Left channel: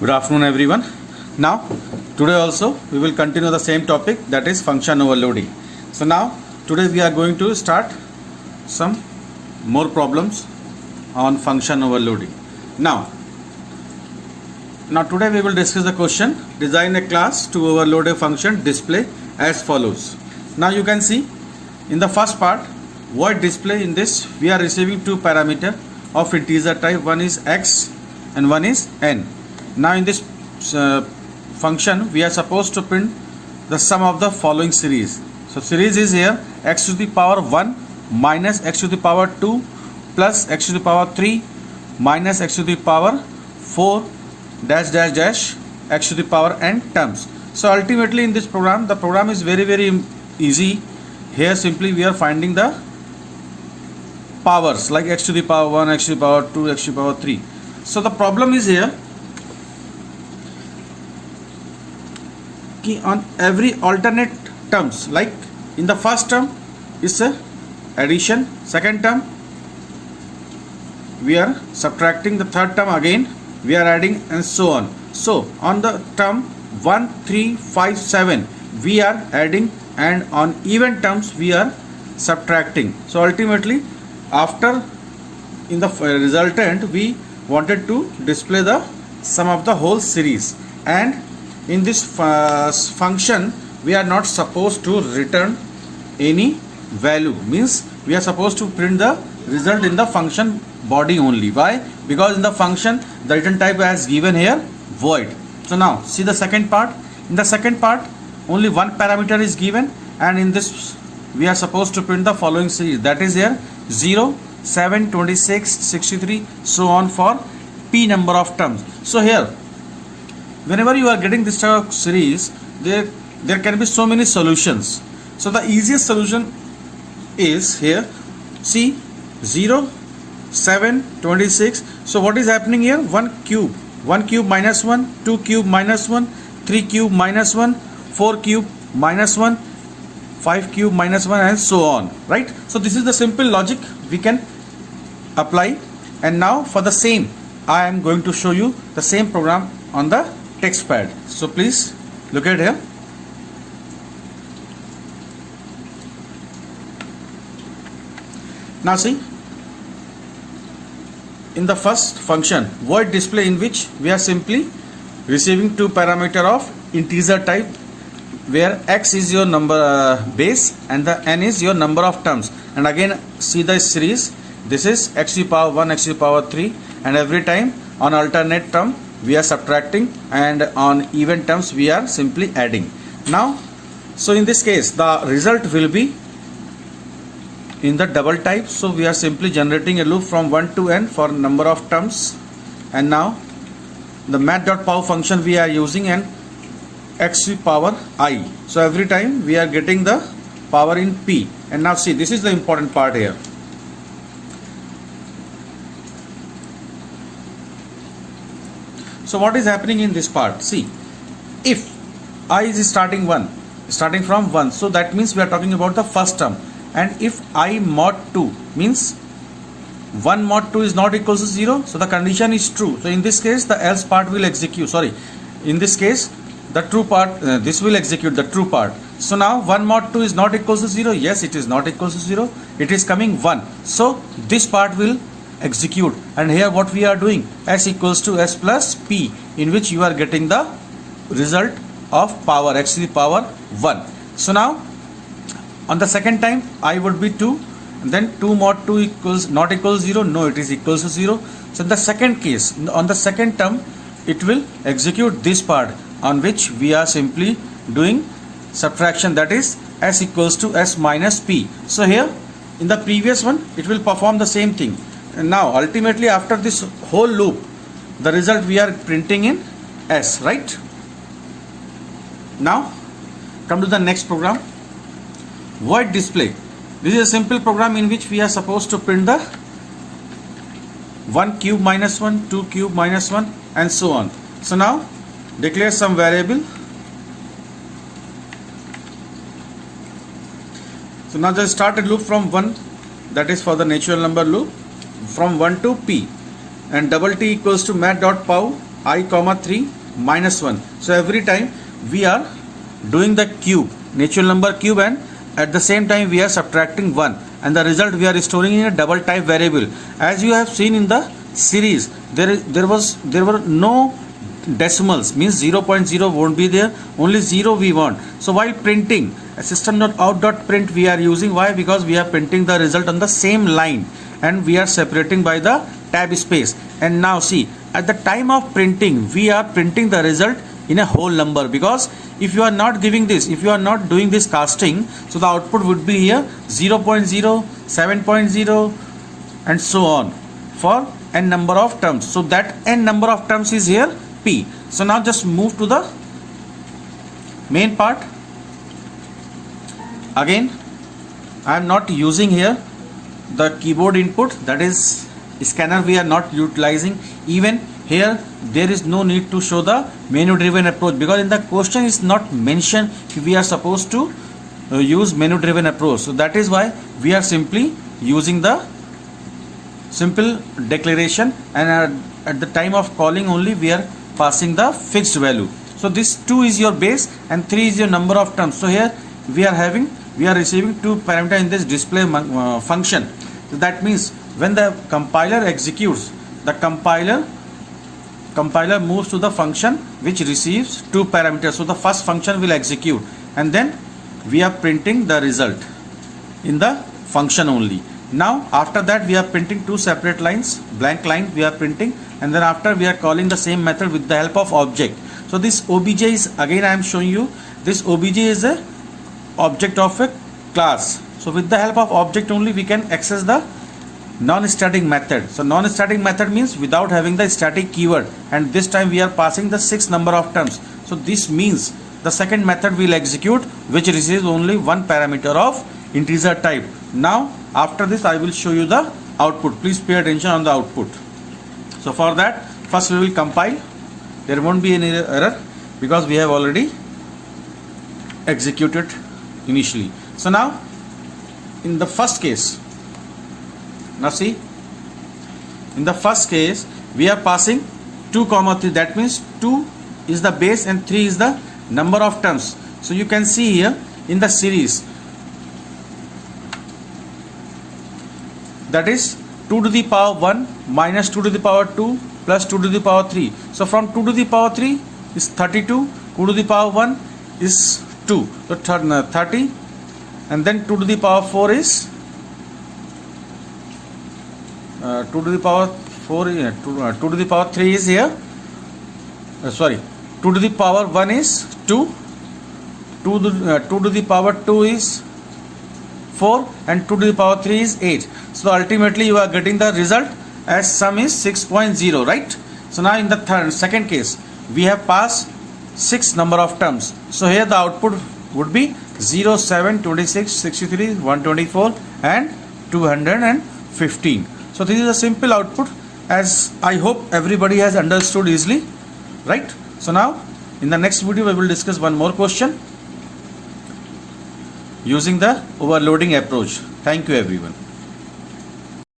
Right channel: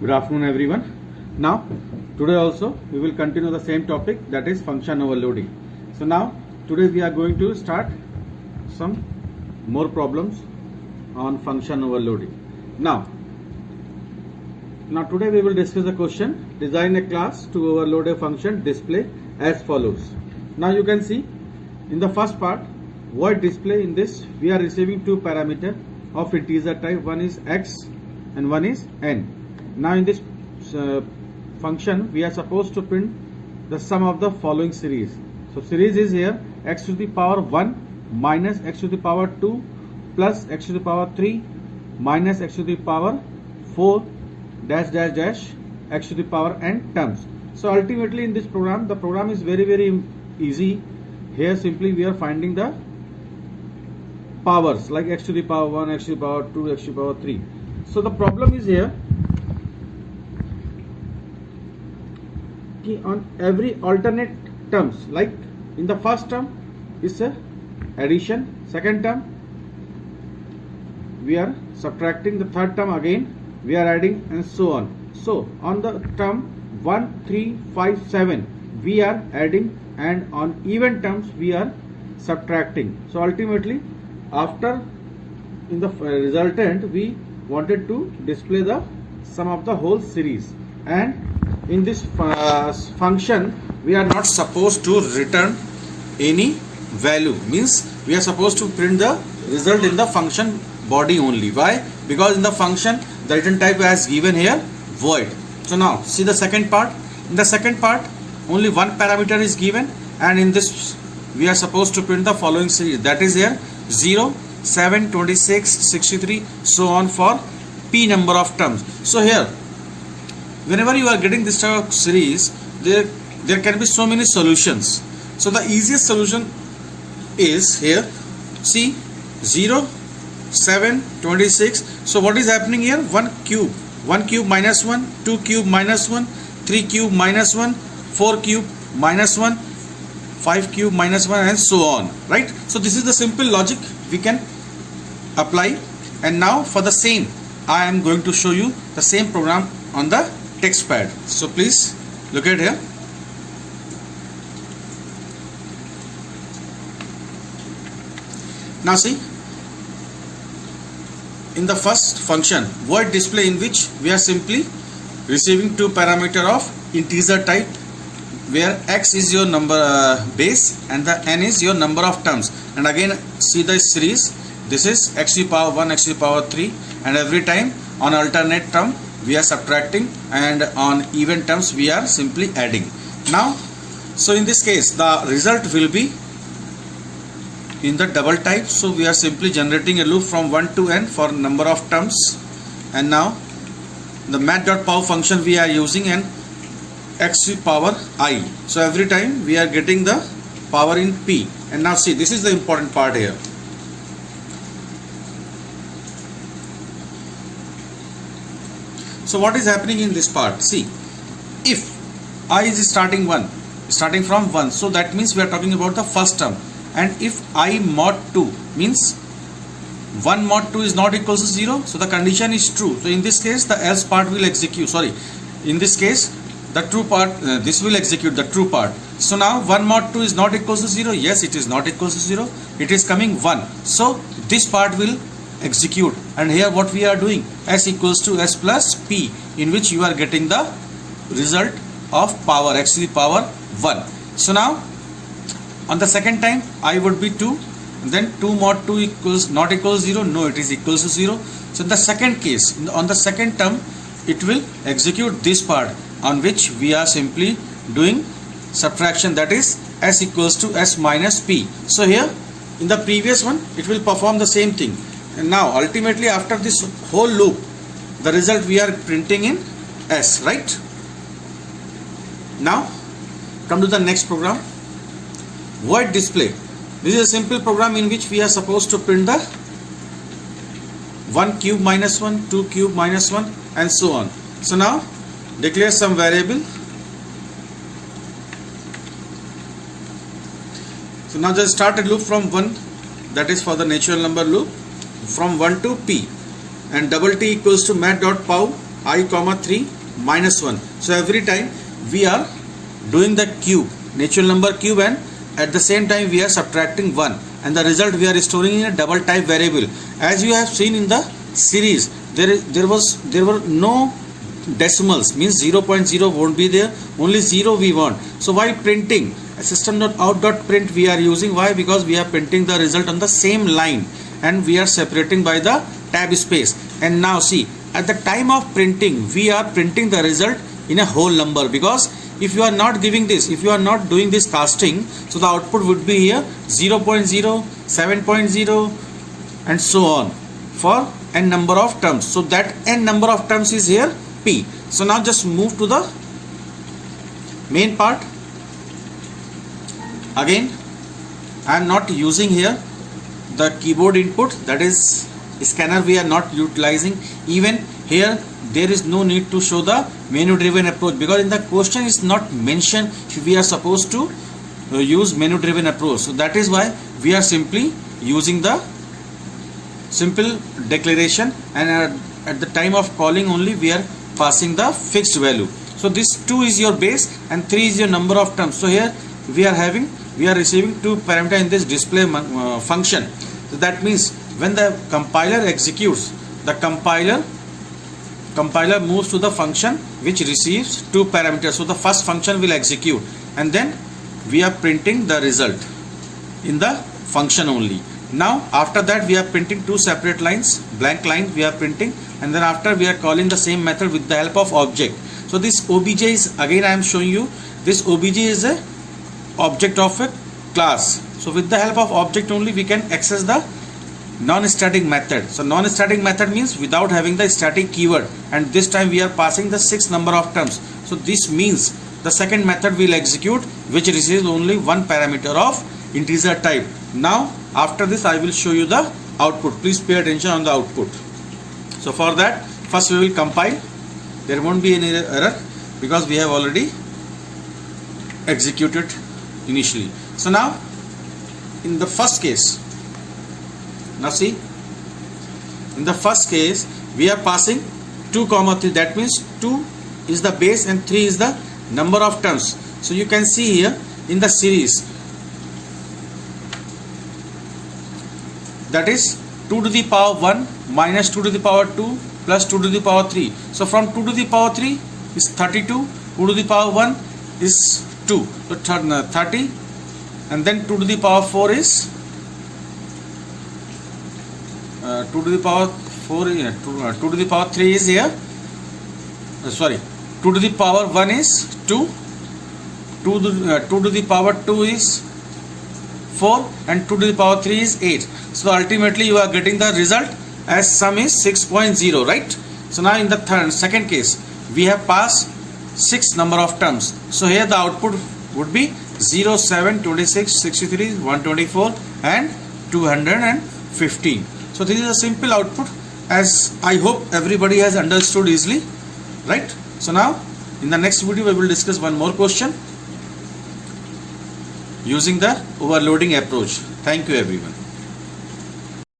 Good afternoon everyone. Now today also we will continue the same topic, that is function overloading. So now today we are going to start some more problems on function overloading. Now today we will discuss the question, design a class to overload a function display as follows. Now you can see in the first part, void display. In this we are receiving two parameters of integer type, one is x and one is n. Now in this function we are supposed to print the sum of the following series. So series is here x to the power 1 minus x to the power 2 plus x to the power 3 minus x to the power 4 dash dash dash x to the power n terms. So ultimately in this program, the program is very easy. Here simply we are finding the powers like x to the power 1, x to the power 2, x to the power 3. So the problem is here on every alternate terms, like in the first term is a addition, second term we are subtracting, the third term again we are adding, and so on. So on the term 1, 3, 5, 7 we are adding, and on even terms we are subtracting. So ultimately after in the resultant we wanted to display the sum of the whole series, and in this function we are not supposed to return any value, means we are supposed to print the result in the function body only. Why? Because in the function the return type as given here void. So now see the second part. In the second part only one parameter is given, and in this we are supposed to print the following series, that is here 0, 7, 26, 63, so on for p number of terms. So here whenever you are getting this type of series, there can be so many solutions. So the easiest solution is here, see 0, 7, 26. So what is happening here? 1 cube minus 1, 2 cube minus 1, 3 cube minus 1, 4 cube minus 1, 5 cube minus 1, and so on, right? So this is the simple logic we can apply. And now for the same I am going to show you the same program on the text pad. So please look at here. Now see, in the first function void display, in which we are simply receiving two parameter of integer type, where x is your number base and the n is your number of terms. And again see the series, this is x to the power 1, x to the power 3, and every time on alternate term we are subtracting, and on even terms we are simply adding. Now so in this case the result will be in the double type, so we are simply generating a loop from 1 to n for number of terms. And now the math.pow function we are using, and x to the power I, so every time we are getting the power in p. And now see, this is the important part here. So what is happening in this part? See, if I is starting from 1, so that means we are talking about the first term. And if I mod 2 means 1 mod 2 is not equals to 0, so the condition is true. So in this case the else part will execute, in this case the true part, this will execute the true part. So now 1 mod 2 is not equals to 0, yes it is not equals to 0, it is coming 1, so this part will execute. And here what we are doing, s equals to s plus p, in which you are getting the result of power x to the power 1. So now on the second time I would be 2, then 2 mod 2 equals not equals 0, no it is equals to 0. So in the second case, on the second term it will execute this part, on which we are simply doing subtraction, that is s equals to s minus p. So here in the previous one it will perform the same thing. And now ultimately after this whole loop the result we are printing in s, right? Now come to the next program, void display. This is a simple program in which we are supposed to print the 1 cube minus 1, 2 cube minus 1, and so on. So now declare some variable. So now just start a loop from 1, that is for the natural number loop, from 1 to p, and double t equals to math.pow I comma 3 minus 1. So every time we are doing the cube, natural number cube, and at the same time we are subtracting 1, and the result we are storing in a double type variable. As you have seen in the series, there were no decimals, means 0.0 won't be there, only 0 we want. So why printing system.out.print we are using? Why? Because we are printing the result on the same line and we are separating by the tab space. And now see, at the time of printing we are printing the result in a whole number, because if you are not giving this, if you are not doing this casting, so the output would be here 0.0, 7.0 and so on for n number of terms. So that n number of terms is here P. So now just move to the main part. Again, I am not using here the keyboard input, that is scanner we are not utilizing. Even here there is no need to show the menu driven approach, because in the question is not mentioned we are supposed to use menu driven approach. So that is why we are simply using the simple declaration, and at the time of calling only we are passing the fixed value. So this 2 is your base and 3 is your number of terms. So here we are receiving 2 parameter in this display function. So that means when the compiler executes, the compiler moves to the function which receives 2 parameters. So the first function will execute, and then we are printing the result in the function only. Now after that we are printing 2 separate lines, blank lines we are printing, and then after we are calling the same method with the help of object. So this obj is, again I am showing you, this obj is a object of a class. So with the help of object only we can access the non-static method. So non-static method means without having the static keyword, and this time we are passing the 6 number of terms. So this means the second method will execute which receives only 1 parameter of integer type. Now after this I will show you the output. Please pay attention on the output. So for that, first we will compile. There won't be any error because we have already executed initially. So now in the first case, now see, in the first case we are passing 2 comma 3, that means 2 is the base and 3 is the number of terms. So you can see here in the series, that is 2 to the power 1 minus 2 to the power 2 plus 2 to the power 3. So from 2 to the power 3 is 32, 2 to the power 1 is 2, so 30, and then 2 to the power 4 is 2 to the power 4, 2 to the power 3 is here, 2 to the power 1 is 2, 2 to the power 2 is 4, and 2 to the power 3 is 8. So ultimately you are getting the result as sum is 6.0, right? So now in the second case we have passed 6 number of terms. So here the output would be 0, 7, 26, 63, 124 and 215. So this is a simple output, as I hope everybody has understood easily, right? So now in the next video we will discuss one more question using the overloading approach. Thank you everyone.